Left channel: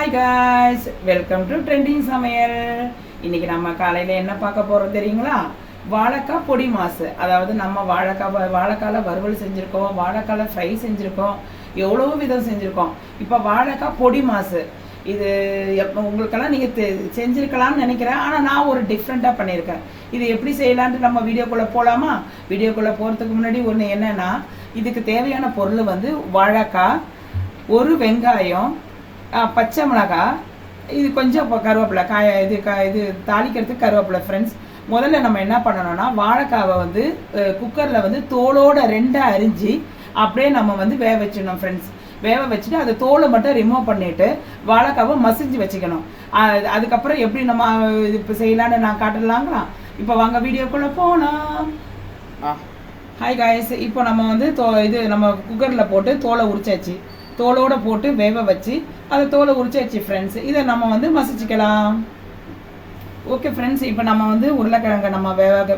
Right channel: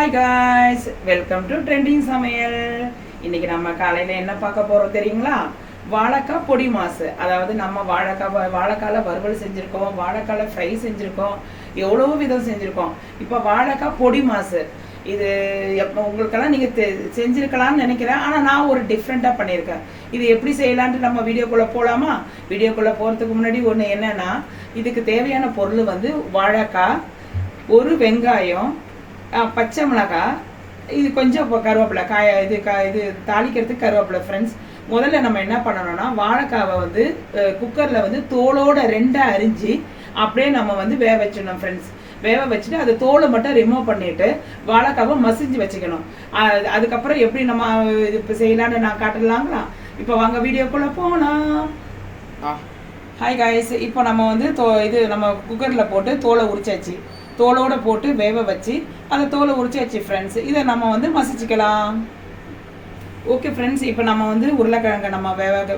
Hi guys, welcome to trending சமையல். இன்னைக்கு நம்ம காலையில் என்ன பார்க்க போகிறோம் தெரியுங்களா? வாழைக்காய் பொடி மாசு. அதாவது நம்ம வாழைக்கால வறுவல் செஞ்சுருக்கோம், வாழைக்கால ஃப்ரை செஞ்சுருக்கோம், எவ்வளோ விதம் செஞ்சுருக்கோம். இப்போ வாழைக்காய் பொடி மாசு இது உங்களுக்கெல்லாம் நீங்கள் செஞ்சுருக்கலாம்னு நினைக்கிறேன். ஆனால் நான் ஒரு டிஃப்ரெண்ட்டாக பண்ணியிருக்கேன். இது எப்படி செய்யலான்ட்டு நம்ம வீடியோக்குள்ளே போகலாமா? வீடியோக்குள்ளே போகிறதுக்கு முன்னாடி ஒன்று என்னென்னா, இதுக்கு தேவையான பொருள் வந்து வாழைக்காய், ஒரு வெங்காயம், பச்சை மிளகாய், இது கொஞ்சம் கருவேப்பிலை, இது தாளிக்கிறதுக்கு கருவேப்பிலை. ஃப்ரெண்ட்ஸ், முதல்ல நம்ம என்ன பண்ணணும்னா, வாழைக்காவை வந்து குக்கரில் வந்து தோலோட ரெண்டாக அரிஞ்சு அப்படியே நம்ம வந்து வேக வச்சிடணும். ஃப்ரெண்ட்ஸ், வேக வச்சுட்டு அது தோலை மட்டும் ரிமூவ் பண்ணிட்டு வாழைக்காவை மசிஞ்சு வச்சுக்கணும். அதுக்கப்புறம் எப்படி நம்ம இது இப்போ செய்யலான்னு நான் காட்டலாங்களா? இப்போ வாங்க வீடியோக்குள்ளே போகலாம். ஹாய் காய்ஸ், இப்போ நம்ம வந்து நம்ம குக்கரில் போட்டு தோலை உரிச்சாச்சு. தோலோட போட்டு வேக வச்சு அதை தோலை உரிச்சாச்சு. ஃப்ரெண்ட்ஸ், இதை நம்ம வந்து மசிச்சுக்கலாம். ஓகே ஃப்ரெண்ட்ஸ், இப்போ நம்ம வந்து உருளைக்கிழங்கை நம்ம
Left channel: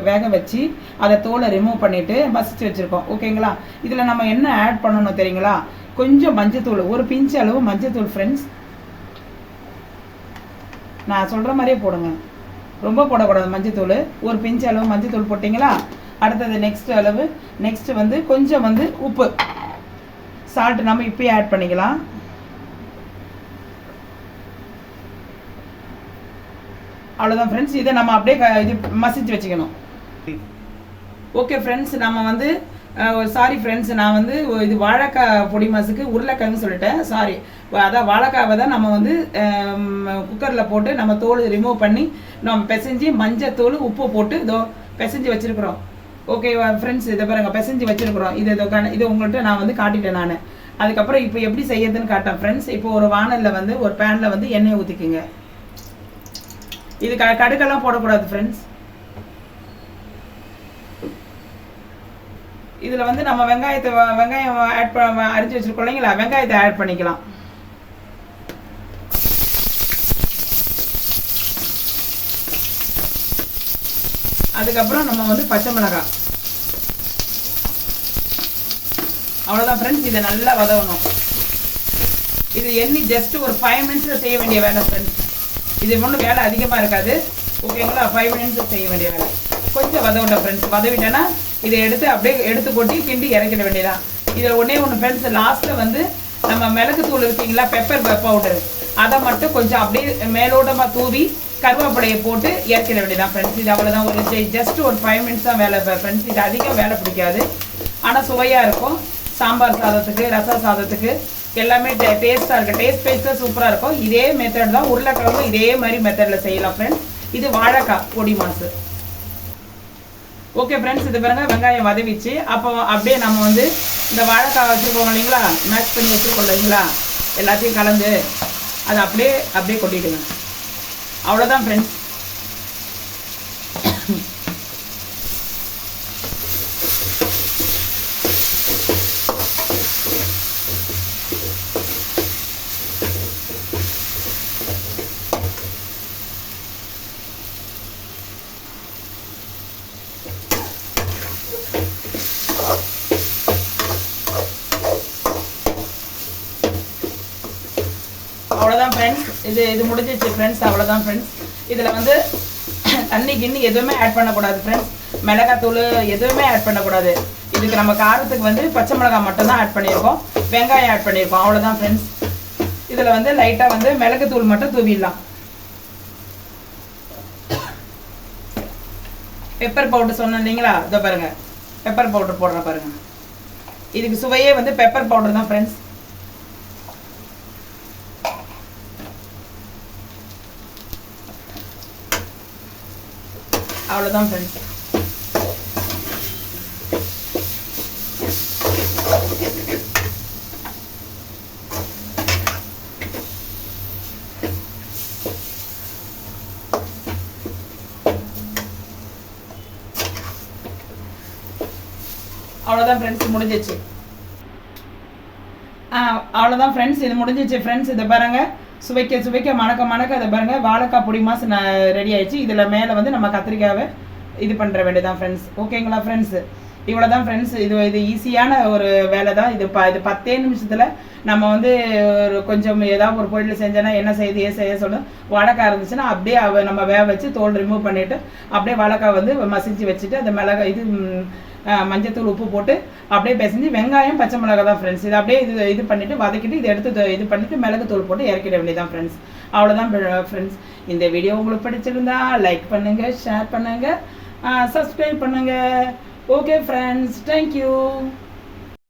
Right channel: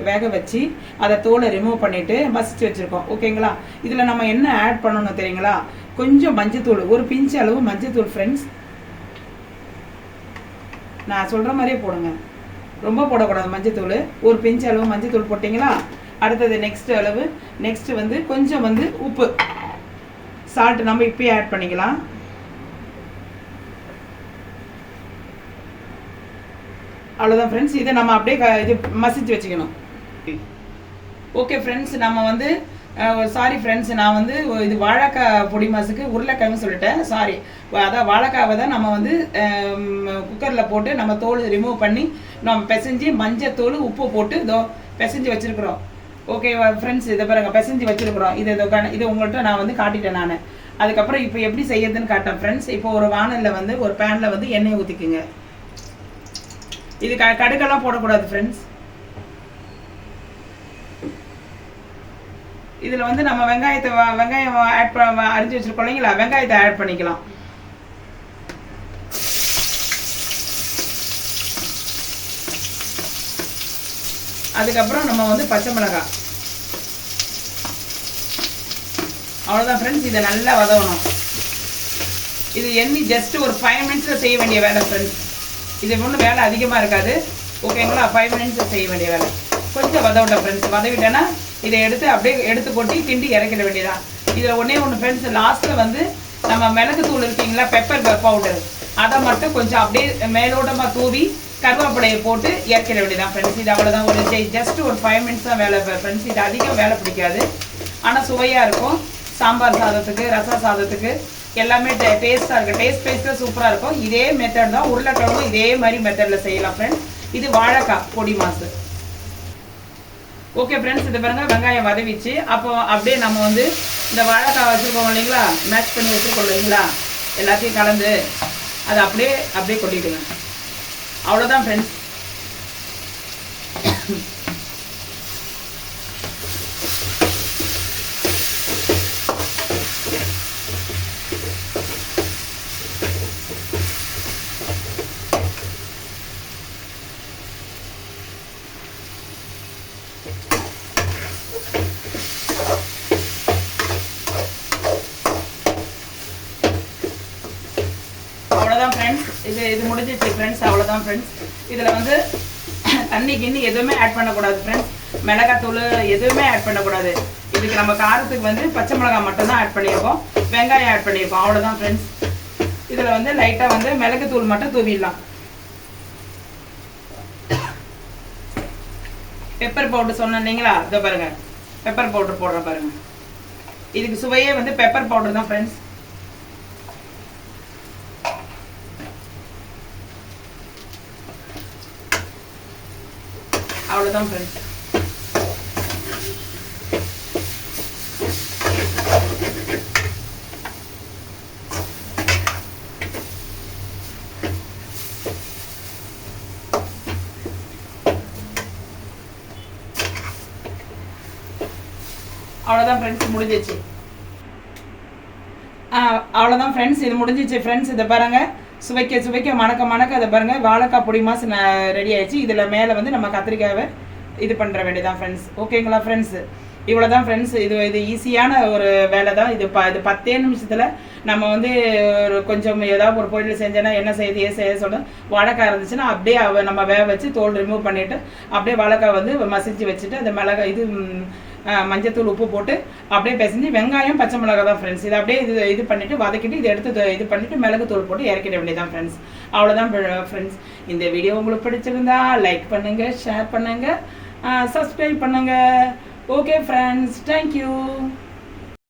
வேக வச்சு அதை தோலை ரிமூவ் பண்ணிட்டு மசிச்சு வச்சுருக்கோம். ஓகேங்களா? இதில் நம்ம என்ன ஆட் பண்ணணும் தெரியுங்களா? கொஞ்சம் மஞ்சத்தூள், ஒரு பிஞ்சு அளவு மஞ்சத்தூள். ஃப்ரெண்ட்ஸ், நான் சொல்கிற மாதிரியே போடுங்க, ரொம்ப போடக்கூடாது மஞ்சத்தூள். ஒரு பிஞ்சு அளவு மஞ்சத்தூள் போட்டிங்களா? அடுத்தது நெக்ஸ்ட் வந்து கொஞ்சம் வந்து உப்பு, சால்ட் நம்ம இப்பயே ஆட் பண்ணிக்கலாம். அவ்வளோதான் ஃப்ரெண்ட்ஸ், இதை நம்ம அப்படியே இது மசிச்சு வச்சுக்கணும். ஓகே ஃப்ரெண்ட்ஸ், நம்ம வந்து சாரி ஃப்ரெண்ட்ஸ், நான் வந்து இது வாழைக்காய் பொடி மாசுக்கு உருளைக்கிழங்கு சொல்லிட்டேன். சாரி, அதான் வாழைக்காவை தான் நம்ம வந்து குக்கரில் போட்டு நம்ம தோல் ரிமூவ் பண்ணி நம்ம பிசைஞ்சு மஞ்சத்தூள் உப்பு போட்டு இதோ பிசைஞ்சு வச்சுருக்குறோம். ஓகே ஃப்ரெண்ட்ஸ், இதை பாருங்க, பிசைஞ்சு வச்சுருக்குறோம். இது உங்கள்கிட்ட நான் வந்து காட்டிட்டேன் நான். அதுக்கப்புறம் இப்போ எப்படி செய்யறதுன்னு காட்டேன். ஃப்ரெண்ட்ஸ், இப்போ ஒரு வானலில் வந்து ஒரு பேனில் வந்து எண்ணெய் ஊற்றிக்குங்க. இது கடுக்கெல்லாம் போடக்கூடாது ஃப்ரெண்ட்ஸ். இதில் வந்து நம்ம வெங்காயம் அரிஞ்சு வச்சிருக்கோம் இல்லைங்களா? வெங்காயத்தை ஆட் பண்ணிக்கலாம். அதுக்கப்புறம் நம்ம வந்து பச்சை மிளகாய். அவ்வளோதான் ஃப்ரெண்ட்ஸ், இதை நல்லா வதவணும். இது எண்ணி ஜஸ்ட் ஒரு 5 மினிட்ஸில் செய்ய வேண்டிய வேலை ஃப்ரெண்ட்ஸ். இது ஒன்றும் வேலை அதிகமாக இருக்காது. ஓகேங்களா? 5 மினிட்ஸ் செய்ய வேண்டிய வேலை. கொஞ்சம் வதவிட்டேன் ஃப்ரெண்ட்ஸ். வதவிட்டேன்னா இதை எடுத்து கொட்டி கிண்டி இறக்கிட வேண்டியதான். இதில் ஒன்று ஃப்ரெண்ட்ஸ், லாஸ்ட்டில் வந்து நம்ம மிளகு தூள் இருக்கீங்களா, பெப்பர் பவுடர், அதை மட்டும் கொஞ்சம் அப்படியே மேலோட்டமாக தூவி கருவேப்பிலையை போட்டு இறக்கிட வேண்டியதான் ஃப்ரெண்ட்ஸ். இது அவ்வளோதான். ஜஸ்ட் ஒரு 5 மினிட்ஸ் தான் வேலை ஃப்ரெண்ட்ஸ். இது அதிகம் வேலை பிடிக்காது, ஆனால் சுவையாக இருக்கும். சாம்பார் சாதத்துக்கு, ரச சாதத்துக்கு எல்லாமே டேஸ்ட்டாக இருக்குது. டேஸ்ட்டாக சூப்பராக இருக்கும். இதே மெத்தட் தான் உருளைக்கிழங்கும் இதே மாதிரி மெத்தடில் செய்யலாம் ஃப்ரெண்ட்ஸ். இது வாழைக்காய் பொடி மாசு. ஓகே ஃப்ரெண்ட்ஸ், இது பாருங்க, வெங்காயம் வதவிச்சு. அப்போ அப்படியே நம்ம வந்து இந்த வாழைக்காய் வச்சுருக்கோம் இல்லைங்களா, மேஷ் பண்ணி வச்சுருக்கோம் இல்லைங்களா, எல்லாத்தையும் கலந்து அதை அப்படியே கொட்டிடுங்க. அவ்வளோதான் ஃப்ரெண்ட்ஸ். அவ்வளோதான் ஃப்ரெண்ட்ஸ், இது முடிஞ்சிச்சு ஃப்ரெண்ட்ஸ். அவ்வளோதான் ஃப்ரெண்ட்ஸ். இதில் வந்து தண்ணி கிண்ணி எதுவுமே ஆட் பண்ணக்கூடாது ஃப்ரெண்ட்ஸ். மிளகாத்தூள் எதுவுமே ஆட் பண்ணக்கூடாது. இதுக்கு நம்ம காரத்துக்கு வந்து பச்சை மிளகாய் மட்டும்தான் ஆட் பண்ணியிருக்கோம், வெங்காயம் ஆட் பண்ணியிருக்கோம். அவ்வளோதான் ஃப்ரெண்ட்ஸ். இதில் வந்து லைட்டாக வந்து மிளகுத்தூள் மட்டும் தூவிடலாம். பெப்பர் பவுடர் சொன்னேன் இல்லைங்களா, இதோ பாருங்க, பெப்பர் பவுடர் போடுறேன் பாருங்க. இதுக்கு சுவையே வந்து பெப்பர் பவுடர் தான் ஃப்ரெண்ட்ஸ். அவ்வளோதான் ஃப்ரெண்ட்ஸ். அவ்வளோதான் ஃப்ரெண்ட்ஸ், முடிஞ்சிச்சு. அவ்வளோதான் ஃப்ரெண்ட்ஸ், இது முடிஞ்சிச்சு ஃப்ரெண்ட்ஸ். இதை பாருங்க, சுவைக்க மணக்க அதை பாருங்க, வாழைக்காய் பொடி மாசு ரெடி ஆயிடுச்சு. இதில் மேலே வந்து நம்ம கத்திரிக்காவை இது பண்ணுற வேண்டியதான் ஃப்ரெண்ட்ஸ். ஓகேங்களா ஃப்ரெண்ட்ஸ்? இவ்வளோதான் ஃப்ரெண்ட்ஸ். இது ஈஸியான ஒரு வேலை தான். இது 10 நிமிஷத்தில் நம்ம வந்து ஒரு கொஞ்சம் ஏதாவது ஒரு பொருள் செஞ்சோன்னா என்ன செய்ய சொல்ல வாழைக்காய் இருந்துச்சுன்னா அப்படியே நம்ம வேக வச்சு தோல் ரிமூவ் பண்ணிவிட்டு அப்படியே வாழைக்காய் வந்து மசிச்சு வச்சுட்டு அந்த மிளகாய் மஞ்சத்தூள் உப்பு போட்டு அப்படியே பிசைஞ்சு வெங்காயம் பச்சை மிளகாய் தான் ஃப்ரெண்ட்ஸ். இது அப்படியே இது பண்ணிவிட்டு வதக்கிட்டு இதை எடுத்து இது பண்ணிவிட்டு மிளகு தூள் போட்டு இறக்கிட வேண்டியதான் ஃப்ரெண்ட்ஸ். அவ்வளோதான் ஃப்ரெண்ட்ஸ். இந்த வீடியோ உங்களுக்கு பிடிச்சிருந்தா லைக் பண்ணுங்கள், ஷேர் பண்ணுங்கள், சப்ஸ்கிரைப் பண்ணுங்கள். Okay friends, thank you.